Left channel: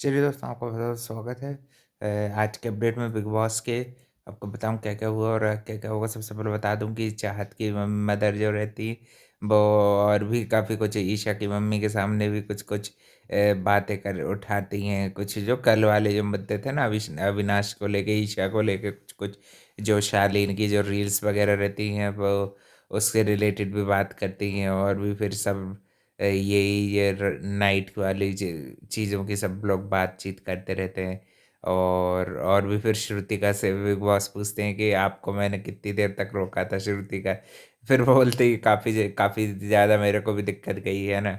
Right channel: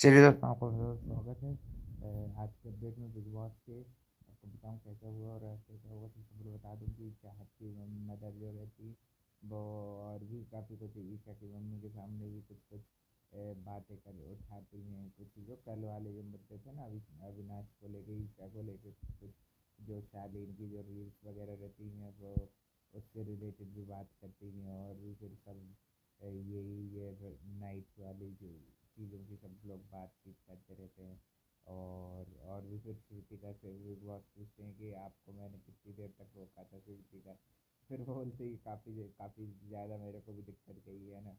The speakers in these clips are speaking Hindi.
चलिए दोस्तों, आपका बहुत स्वागत है। आज के अपडेट में बिग बॉस के आपको बताऊँ क्या-क्या हुआ और क्या-क्या होगा। सबसे पहले बता दूँ कि चाहत की मदर जो रहती वो और भी काफ़ी कुछ ईशा की मम्मी के सामने भी कुछ-कुछ बातें कर उठाती हैं। कुछ जो कल वाले जो मुद्दे थे ना अविनाश को लेके, ईशा को लेके कुछ-कुछ जो शालीन की जो रील्स वगैरह रहती हैं वो उससे रिलेटेड भी बात करती हैं और भी फिर सब यही ये नाइट वाली चीज़ों की सब लोग बातचीत करते रहते हैं। और भी फिर श्रुतिका से बिग बॉस पूछते हैं कि आपको मैंने कितनी देर तक रोका था श्रुतिका। फिर वो बोलती है काफ़ी ज़्यादा मेरे को भी दिक्कत गई है ना।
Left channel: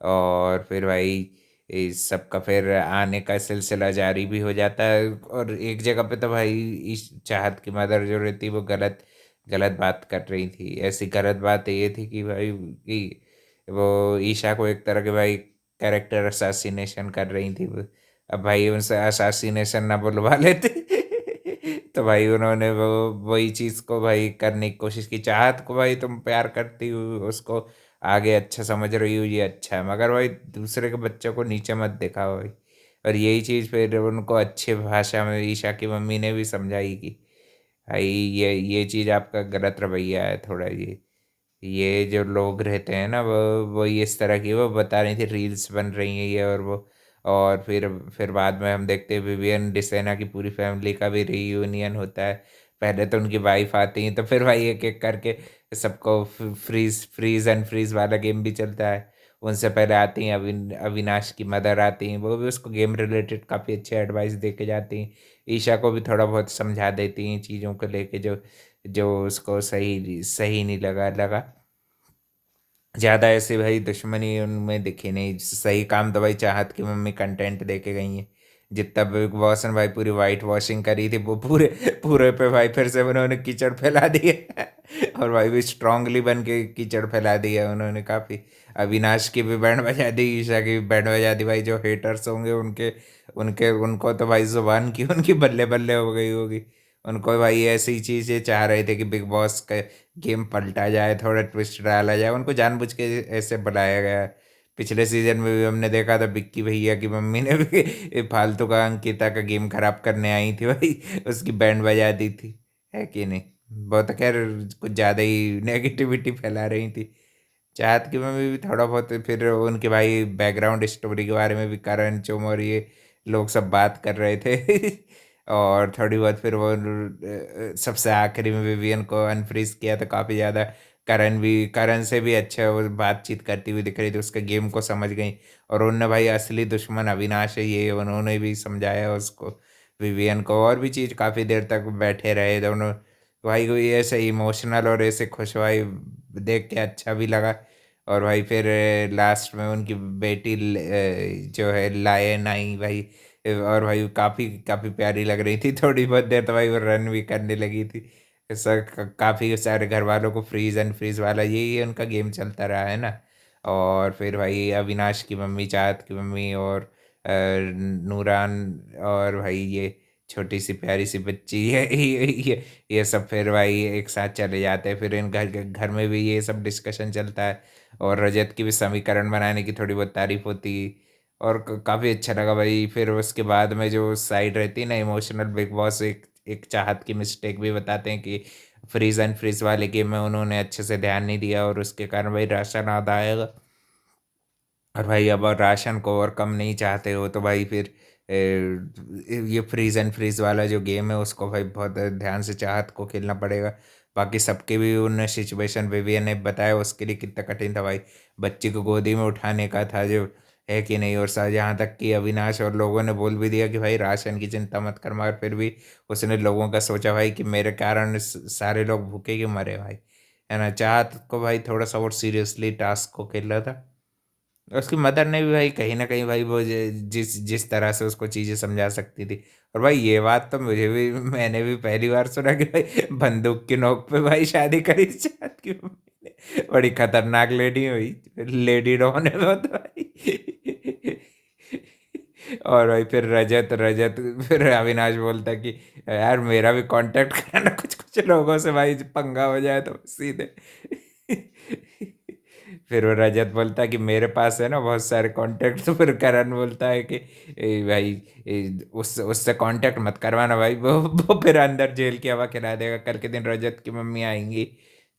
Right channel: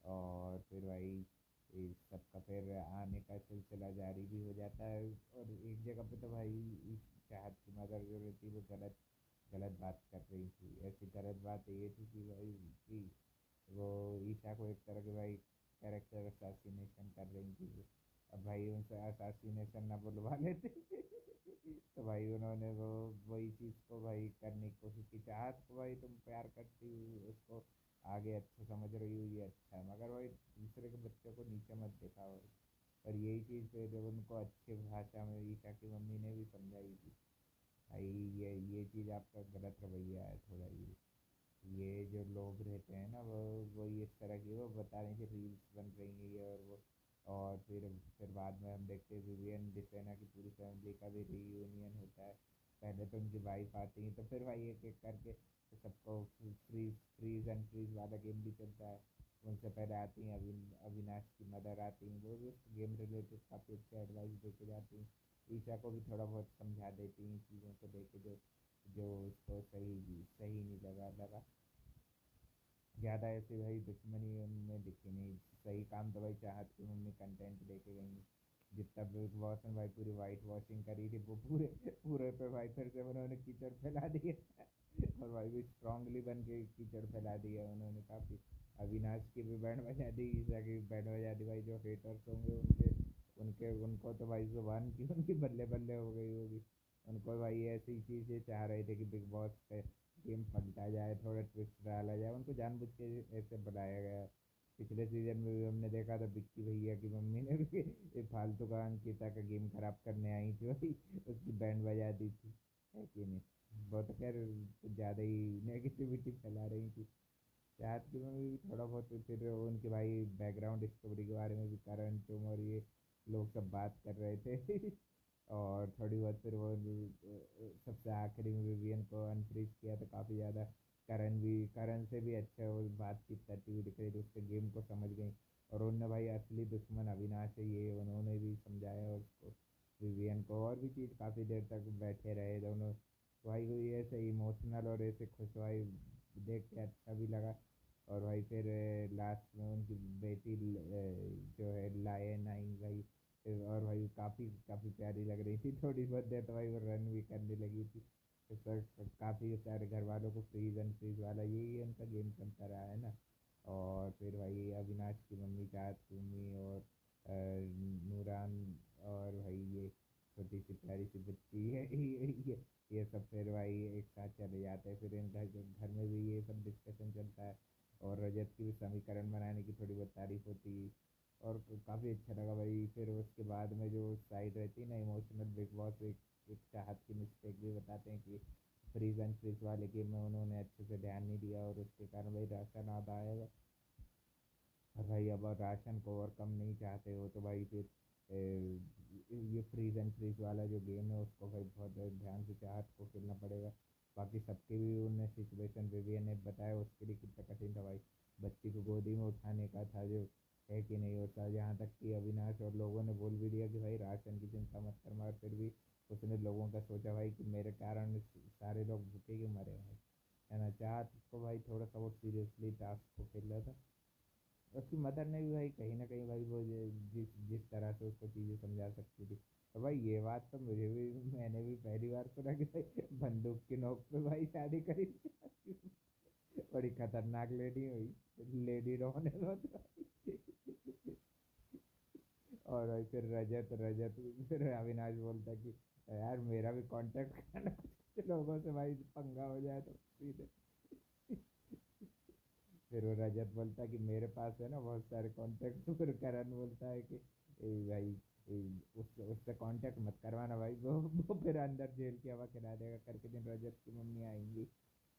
और फिर भाई इस सब का फिर आने का सिलसिला जारी भी हो जाता है और एक जगह पे तो भाई इस चाहत की मदर जो रहती वो गलत गलत बात कर रही थी। ऐसी गलत बात ये थी कि भाई कि वो ईशा को एक तरह के भाई कैरेक्टर असैसिनेशन कर रही थी वो। अब भाई उनसे असैसिनेशन ना बुलवा लेते तो भाई उन्होंने वो वही चीज़ को भाई करने की कोशिश की। चाहत को भाई तुम प्यार करती हो, उसको आगे अच्छा समझ रही हो, ये अच्छा है, मगर भाई दूसरे के बच्चों को नीचे मत दिखाओ भाई। और यही चीज़ फिर उनको अच्छी भाषा में ईशा की मम्मी ने भी समझाई कि भाई ये चीज़ आपका गलत रवैया है थोड़ा। ये जो लोग रहते हैं ना वो इस तरह की वो बता रही थी रील्स बन रही हैं ये और वो। और फिर बाद में हम देखते हैं विवियन डिसेना की पूरी फैमिली का भी रीयूनियन होता है। पहले तो उनकी वाइफ आती हैं तो फिर भाई एक एक करके सबको फ्रीज फ्रीज एंड फ्रीज वाला गेम भी चलता है। उनसे पहले आती हैं अविनाश की मदर आती हैं, वो भी उसको गेम रिलेटेड काफ़ी अच्छे एडवाइस दे के जाती हैं। ईशा को भी थोड़ा बहुत समझा देती हैं चीज़ों को लेके जो जो उसको सही सही नहीं लगा। ज़्यादा ऐसे भाई दुश्मनी उनमें दिखी नहीं। सही काम तो भाई चाहत की मम्मी कंटेंट दे के गई हैं। जितना बिग बॉस ने भाई पूरी वाइट वॉशिंग करी थी वो पूरे पूरे पे भाई फिर से उन्होंने कीचड़ फैला दी है और भाई भी स्ट्रांगली बन के कीचड़ फैला दी है उन्होंने काफ़ी। अविनाश की भी बैंड बजा दी, ईशा की भी बैंड बजा दी। भाई जो हेटर्स होंगे उनके उनके उनको तो भाई जुबान की उनकी बल्ले बल्ले हो गई होगी। उनको भाई ऐसी चीज़ें चाह रहे थे कि बिग बॉस का गेम पलटा जाए, थोड़ा ट्विस्ट डाला जाए, उनको जानबूझ के ऐसे बुलाया गया है। पिछले सीज़न में भी हमने देखा था विक्की भैया की मम्मी ने भी ये फालतू का अंकिता का गेम खराब करने आई थी भाई, उसकी बैंड बजा दी थी, है कि नहीं? वो तो खैर कुछ ज़्यादा ही नेगेटिविटी फैला रही थी। चाहत की मम्मी भी थोड़ा बहुत फिर उनके भाई बैकग्राउंड स्टोरी के बारे में भी करण चुम और ये लोग सब बात कर रहे थे और थोड़ी बहुत फिर वो सबसे आखिरी में विवियन को अनफ्रीज किया तो काफ़ी ज़्यादा करण से भी अच्छा वो बातचीत करती हुई दिख रही थी, उसके गेम को समझ गई। और उनने भाई असली दुश्मन अविनाश है ये उन्होंने भी समझाया उसको, विवियन को। और भी चीज़ काफ़ी देर तक बैठे रहे दोनों भाई को, ये ऐसे इमोशनल और ऐसे खुश भाई देख के अच्छा भी लगा। और भाई फिर लास्ट में उनकी बेटी जो है लायन आई भाई। और भाई काफ़ी काफ़ी प्यारी लग रही थी। थोड़ी बहुत देर तो भाई वो रन भी करने लगी थी। सर काफ़ी सारे घर वालों को फ्रीज एंड फ्रीज वाला यही उनका गेम चलता रहा है ना। और फिर भाई अविनाश की मम्मी, चाहत की मम्मी और नूरान और भाई ये छोटी सी प्यारी सी बच्ची ये सब फिर भाई एक साथ चले जाते हैं। फिर इन घर घर में भी ये सब डिस्कशन चलता है और रजत की भी समीकरण बनाने की थोड़ी बहुत तारीफ होती। और काफ़ी अच्छा लगा भाई। फिर उसके बाद में जो साइड रहती है ना इमोशनल, बिग बॉस एक एक चाहत की मिस्टेक भी बताते हैं कि फ्रीज एंड फ्रीज वाले गेम में उन्होंने अच्छे से ध्यान नहीं दिया और उसके कारण भाई राशन आधा आएगा। और भाई अब राशन को और कम नहीं चाहते हो तो भाई फिर ये फ्रीज एंड फ्रीज वाला जो गेम है उसको भाई बहुत ध्यान से चाहत को खेलना पड़ेगा। बाकी सबके भी उन सिचुएशन विवियन ने बताया उसके लिए कितना कठिन था भाई। बच्ची को गोदी में उठाने का था जो, है कि नहीं? और यहाँ तक कि अविनाश और लोगों ने बोल भी दिया कि भाई राशन की चिंता मत कर, मगर फिर भी उसने लोगों का सोचा भाई कि मेरे कारण सारे लोग भूखे क्यों मरे भाई, है ना? चाहत को भाई थोड़ा सा और सीरियसली टास्क को खेल रहा था। उसकी मदर ने भी भाई कहीं न कहीं भाई वो जिस जिस तरह से उसको चीज़ें समझा सकती थी। और भाई ये बात तो मुझे भी मैंने भी पहली बार सुना कि भाई बंदूक की नोक पे भाई शादी करी चाहत की मम्मी ने। बड़ी खतरनाक लेडी हुई, लेडी डॉन है वो तो भाई। और भाई फिर रजत रजत फिर अविनाश बोलता कि यार मेरा भी कांटेक्ट कराना कुछ-कुछ लोगों से भाई पंगा हो जाए तो सीधे। फिर वो रजत बोलता है कि मेरे पास है ना बहुत सारे कॉन्टैक्ट। तो फिर करण बोलता है कि भाई उससे उससे कांटेक्ट मत करवाना भाई, वो फिर अंदर जेल की हवा खिला देगा। कल के दिन रजत की मम्मी आएंगी,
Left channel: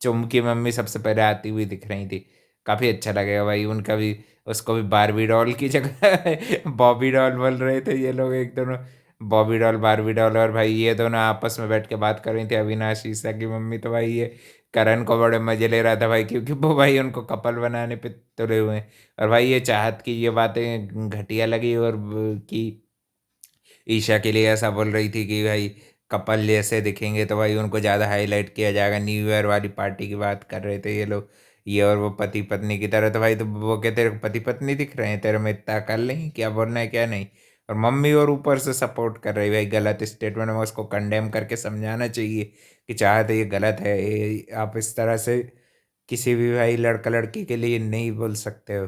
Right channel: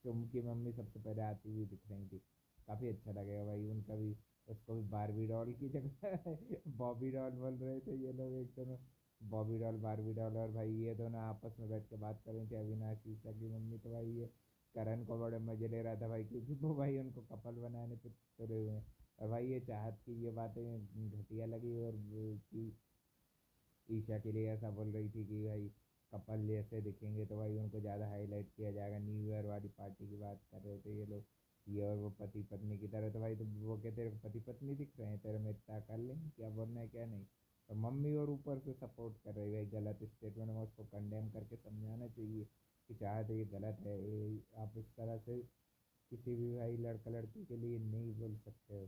चुम की मम्मी सबसे पहले आती हुई दिख रही थी। काफ़ी अच्छा लगेगा भाई उनका भी। उसको भी बारबी डॉल की जगह बॉबी डॉल बोल रहे थे ये लोग एक दोनों। बॉबी डॉल बारबी डॉल, और भाई ये दोनों आपस में बैठ के बात कर रही थी, अविनाश ईसा की मम्मी। तो भाई ये करण को बड़े मजे ले रहा था भाई, क्योंकि वो भाई उनको कपल बनाने पे तुले हुए हैं। और भाई ये चाहत की ये बातें घटिया लगी, और कि ईशा के लिए ऐसा बोल रही थी कि भाई कपल जैसे दिखेंगे तो भाई उनको ज़्यादा हाईलाइट किया जाएगा। न्यू ईयर वाली पार्टी की बात कर रहे थे ये लोग, ये और वो पति पत्नी की तरह। तो भाई तो वो कहते तेरे को पति पत्नी दिख रहे हैं, तेरे में इतना अकल नहीं, क्या बोलना है क्या नहीं। और मम्मी और ऊपर से सपोर्ट कर रही भाई गलत स्टेटमेंट में, उसको कंडेम करके समझाना चाहिए कि चाहते ये गलत है, आप इस तरह से किसी भी भाई लड़का लड़की के लिए नहीं बोल सकते हो।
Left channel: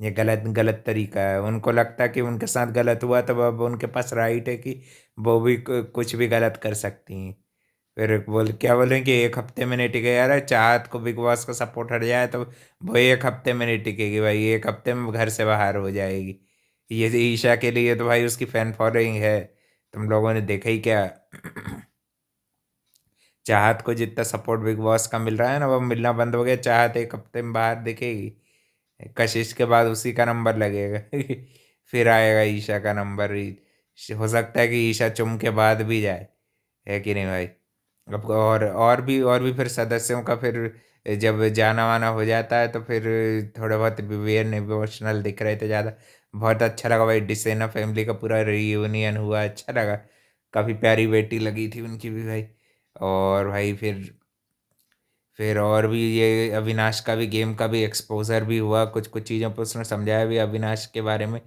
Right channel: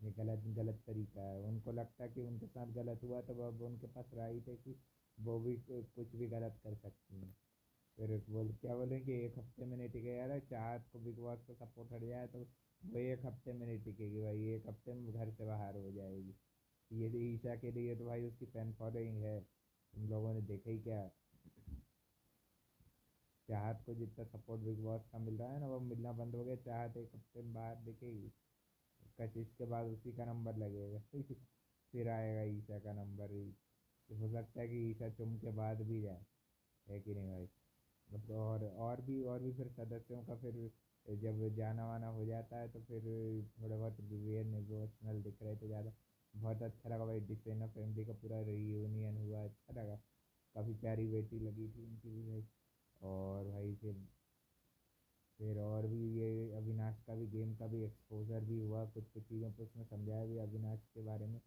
ये गलत गलत तरीका है। उनको लगता है कि उनके साथ गलत हुआ तो अब उनके पास राइट है कि वो भी कुछ भी गलत कर सकती हैं। फिर बोल क्या बोलें कि एक हफ्ते में नहीं टिके यार, चाहत को बिग बॉस का सपोर्ट हट जाए तो वो एक हफ्ते में नहीं टिकेगी भाई, एक हफ्ते में घर से बाहर हो जाएगी। ये ईशा के लिए तो भाई उसकी फैन फॉलोइंग है, तुम लोगों ने देखा ही क्या। चाहत को जितना सपोर्ट बिग बॉस का मिल रहा है ना, वो मिलना बंद हो गया। चाहत एक हफ्ते में बाहर दिखेगी, कशिश के बाद उसी का नंबर लगेगा। फिर आएगा ईशा का नंबर ही। हो सकता है कि ईशा चुम के बाद भी जाए, है कि नहीं भाई। अब और भी फिर सदस्यों का फिर जब जाना वाना हो जाता है तो फिर थोड़े बहुत विवेन इमोशनल दिख रहे थे ज़्यादा। बहुत अच्छा लगा भाई, डिसेना फैमिली का पूरा रियूनियन हुआ, अच्छा लगा। काफ़ी प्यारी बेटी लगी थी उनकी भी भाई। और भाई फिर और भी ये अविनाश का भी गेम का भी एक्सपोजर भी हुआ, कुछ कुछ चीज़ों पर उसने समझाया भी अविनाश के बारे में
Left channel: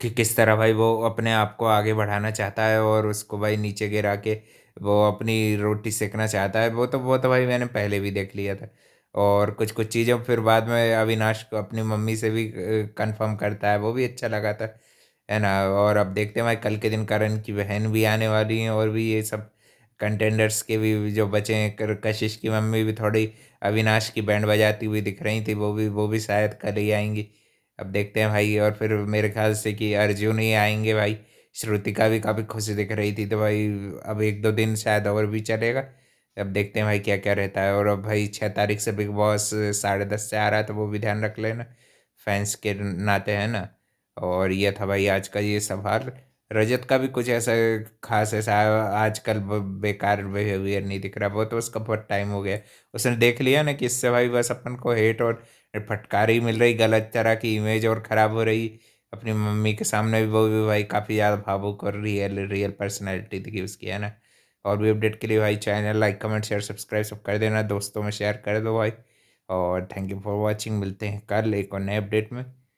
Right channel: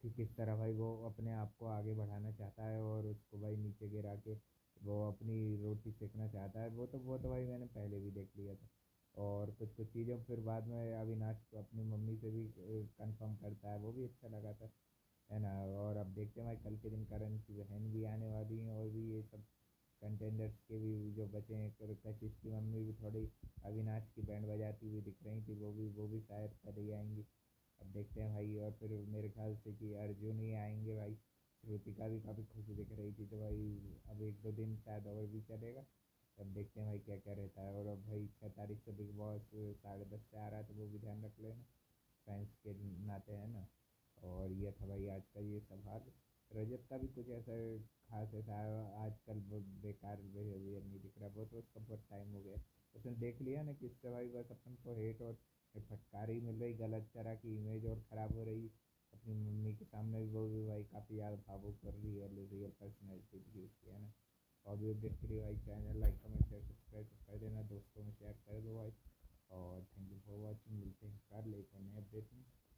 कि किस तरह भाई वो अपने आप को आगे बढ़ाना चाहता है और उसको भाई नीचे गिरा के वो अपनी रोटी सेकना चाहता है। वो तो भाई मैंने पहले भी देख लिया था। और कुछ कुछ चीज़ें फिर बाद में अविनाश को अपनी मम्मी से भी कंफर्म करता है, वो भी अच्छा लगा था, है ना। और अब देखते हैं भाई कल के दिन करण की बहन भी आने वाली हैं, और भी ये सब कंटेंडर्स के भी जो बचे हैं। कशिश की मम्मी भी थोड़ी अविनाश की बैंड बजाती हुई दिख रही थी, वो भी शायद कल ही आएंगी। अब देखते हैं भाई। और फिर मेरे ख्याल से कि अर्जुन ही आएंगे भाई। श्रुतिका भी काफ़ी खुश दिख रही थी, तो भाई अब एक दो दिन शायद और भी चलेगा। अब देखते हैं भाई क्या क्या रहता है। और अब भाई 6 तारीख से बिग बॉस 10:30 से आ रहा है, तो वो भी ध्यान रख लेना फैंस के नाते, है ना। और ये था भाई आज का ये सवाल। रजत का भी कुछ ऐसा खास ऐसा आजकल बेकार बिहेवियर नहीं दिख रहा। वो तो उसका बहुत टाइम हो गया, उसने देख लिया ना कि इससे भाई बस अपन को हेट और फटकारी मिल रही, गलत तरह की इमेज और ख़राब हो रही। अपनी मम्मी के सामने भी वो भी भाई काफ़ी ज़्यादा भावुक और रियल रियल पर्सनैलिटी थी उसकी, है ना। और भी अपडेट के लिए भाई channel like comment share subscribe सब कर देना, दोस्तों में शेयर कर दो भाई। और थैंक यू फॉर वॉचिंग, मिलते हैं कल एक और नए अपडेट में।